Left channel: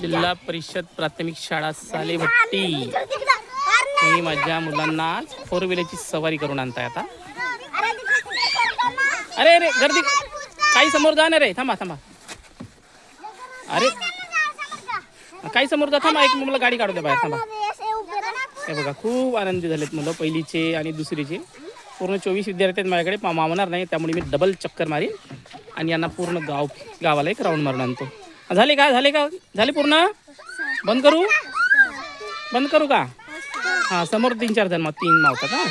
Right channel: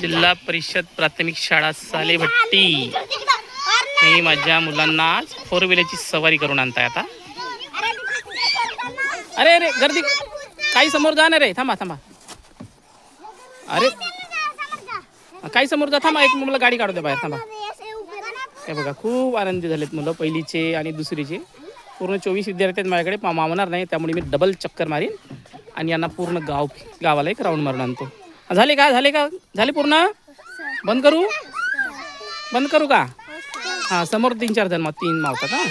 जिल्हा परिषद प्राथमिक शाळा सालेभट्टी. मी माझ्या मुलांना आज 4 व्हीलरची सवारी करून आणताय आता. अरे अरे गर्दी काही समोर जाणार आहे. थांबा थांबा. अरे काही समोर जा. थांबा एक मला गाडी काढू दे बाहेर. थांबा. हे बघा खूप आनंदी झालेत मुलं पहिलीचे आणि दुसरीचे. पूर्ण 24 विद्यार्थी आहेत माझ्याकडे. मावणार नाही त्यामुळे मी डबल चक्कर मारीन आणि यांना पूर्ण गावाला एक राऊंड मारून आणतो. झाले का झाले पूर्ण. बंद करू का. हां समोर 3-4 जण मग 3 मावतात. हां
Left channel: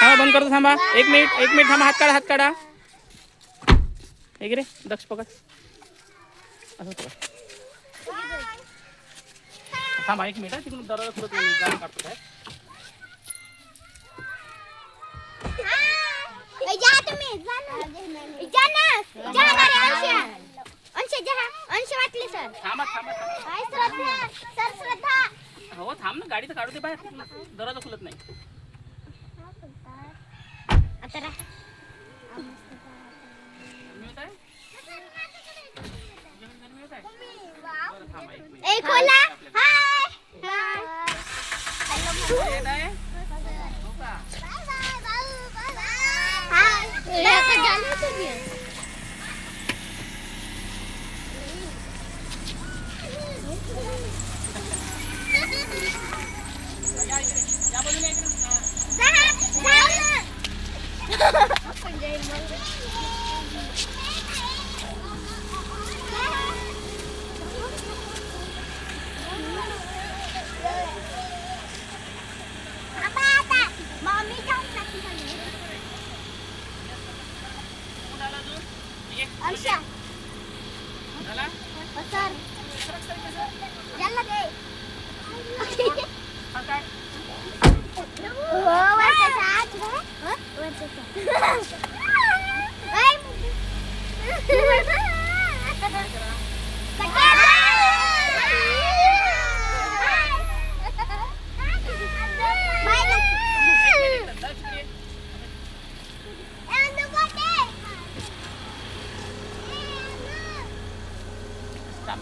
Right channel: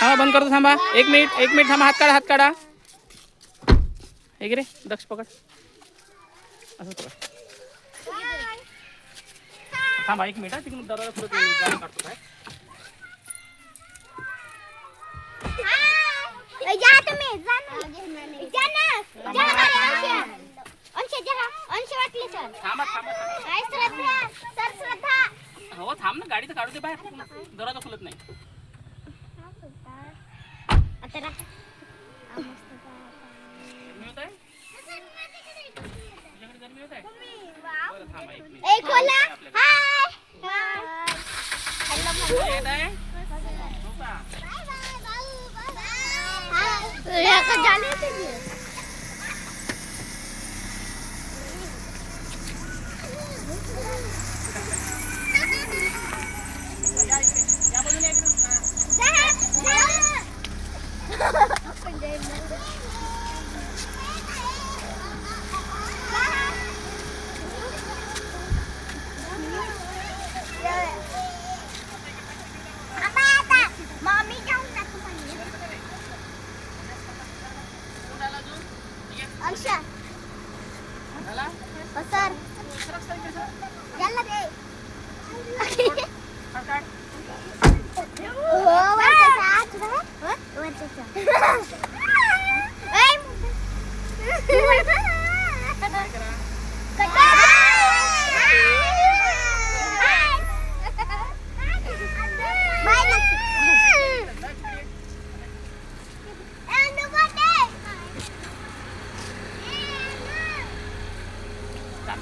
थांबा बंद करतो. थांबा एक मिनिट थांबा. हात काढा. हे रे दक्ष पकड. असं पकड. थांबा 1 मिनिट. तिकडून दरवाजा खुलत नाही. गाडी काढतो काय. हो थांब ना. गाडी तर काढू दे बाहेर. दरवाजा खुलत नाही.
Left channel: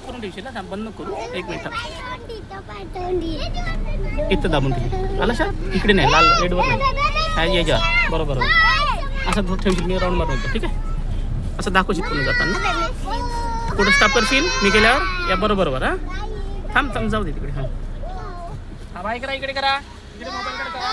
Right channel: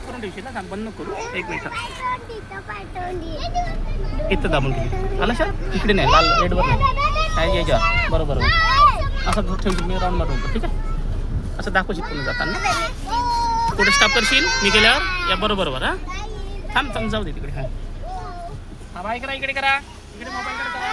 करून ठेवशील ना. बंद करू. 1 मिनिट इथं दाबून ठेवू. आलं सर इकडे नाही. लाल रेडवर नाही. हा याच्यावर बरोबर. असं ठेवशील. मी राऊंड मारून ठीक आहे. असं दाखवशील पुन्हा जाताना. कुठे स्टॉप करशील मी गेल्यावर या बरोबर. हा थांब जाऊ दे तिकडे. हा बाय करा. इकडे मोबाईल कडे करा.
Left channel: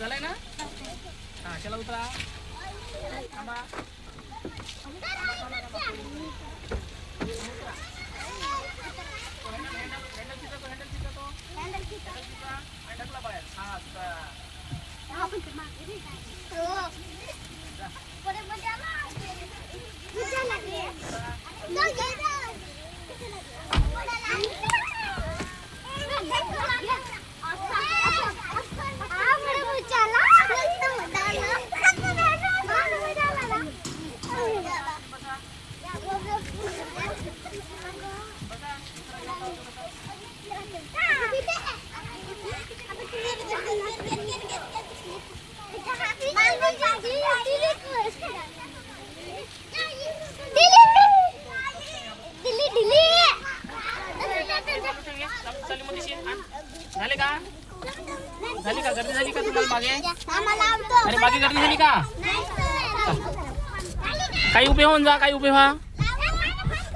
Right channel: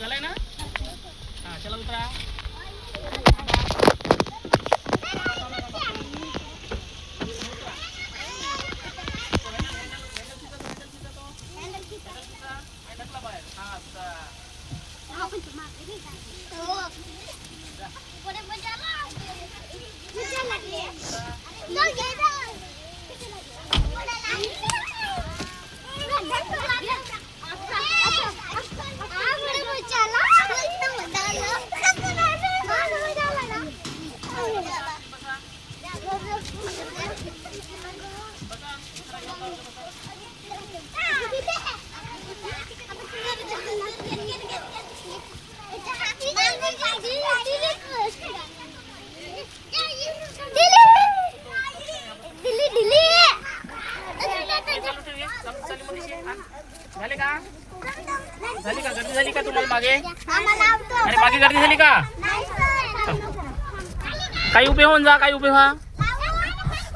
झालंय ना. हा चला उतरा. झाली का गर्दी झाली का तुम्हाला मागे. अरे मागे गर्दी झाली का. काही उभे होऊन जा. काही उभे व्हा.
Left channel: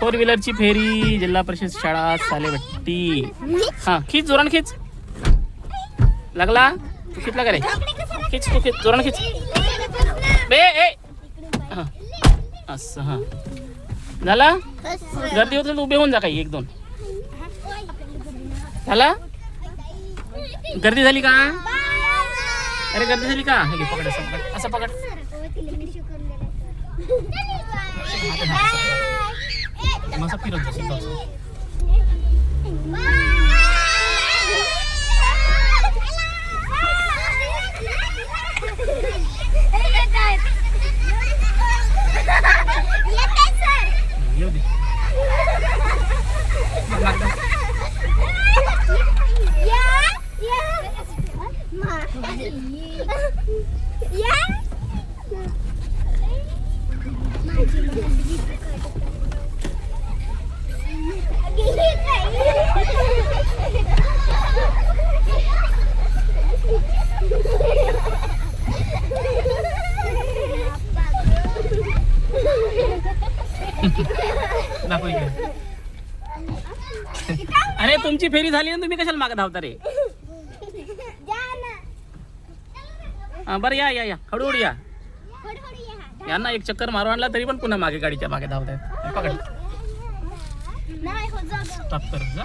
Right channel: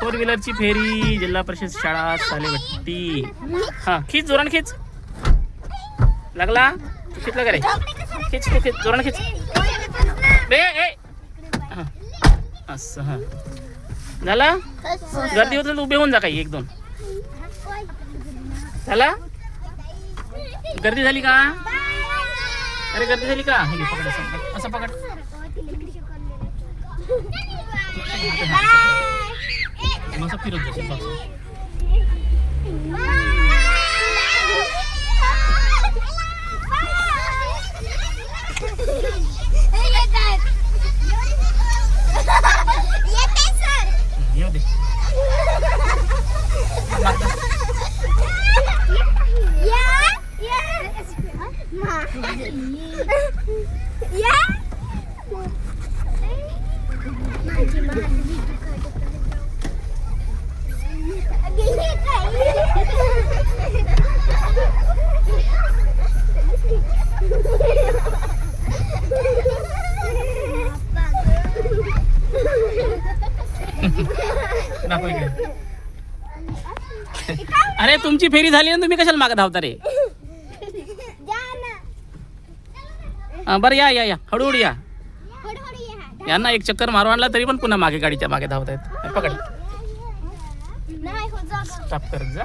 4 व्हीलरची फेरी जिल्हा परिषद शाळा सालेभट्टी. हा खीच जोरान खीच. लागला खिचला का रे. खीच तू खीच जोरान खीच. बे ए असं. हा झाला. गर्दी होत उभे होऊन जा. काही 1-2 झाला. गर्दी झाली का. अरे गर्दी झाली का? हे घे, पकड असं पकड. मस्त फिरत जाशील जाऊ. येऊ दे. दाखव इकडे. अरे तुमची फेरी झाली ना, तुम्ही कशाला मागे धावता रे? बरं या या या, हळूहळू या. यांना एक चक्कर मारून आणला तरी पण पुन्हा मागे गाडीच्या मागे धावत आहेत. पकड, स्टॉप करत जा.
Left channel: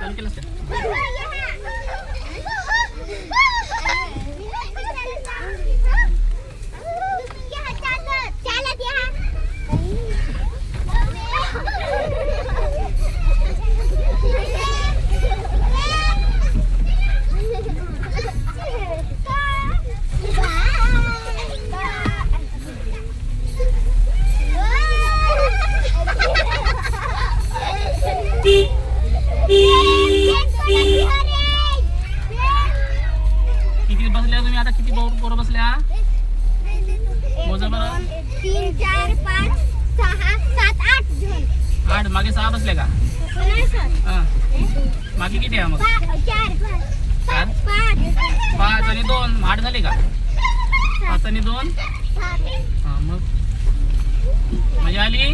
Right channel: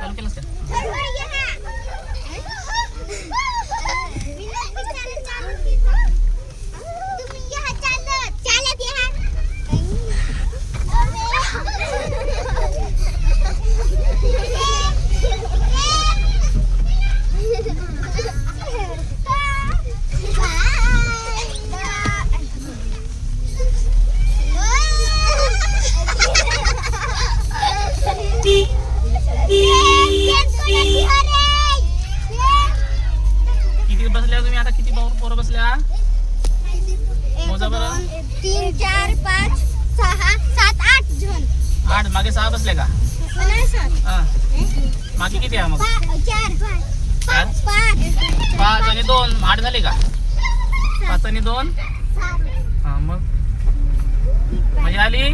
चालू केलं सर. किती बसल्या तुम्ही आता? किती पोरं बसल्या? मोजा बरं. 3 4 5 6 7 8 जण. 8. मागे 6 बसले का? नाही सर. हा. मागे किती आहे मग? 4 5 5 आणि 2 8 झाले का? 5 आणि 2 हा. मग मजा आली.